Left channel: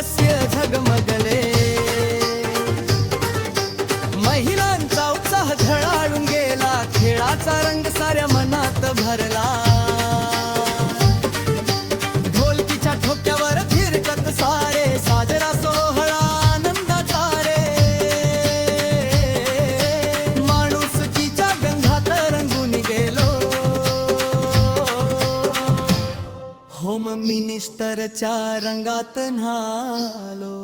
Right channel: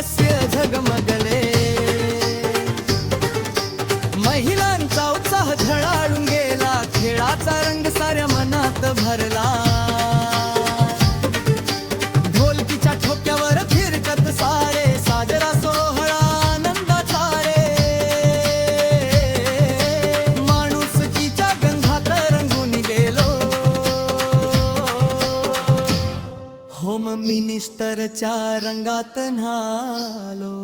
हास्य झगमगले, महिलांचा उत्साह झळाळून गेला, खेळाचा रंग साऱ्या मनात भरला. ढोलकीच्या ठोक्यावर फिरकत सारे, साजरा सोहळा आनंदाचा रे. माणुसकीच्या गंधात रंगून गेलो, होम मिनिस्टरच्या रंगात न्हालो.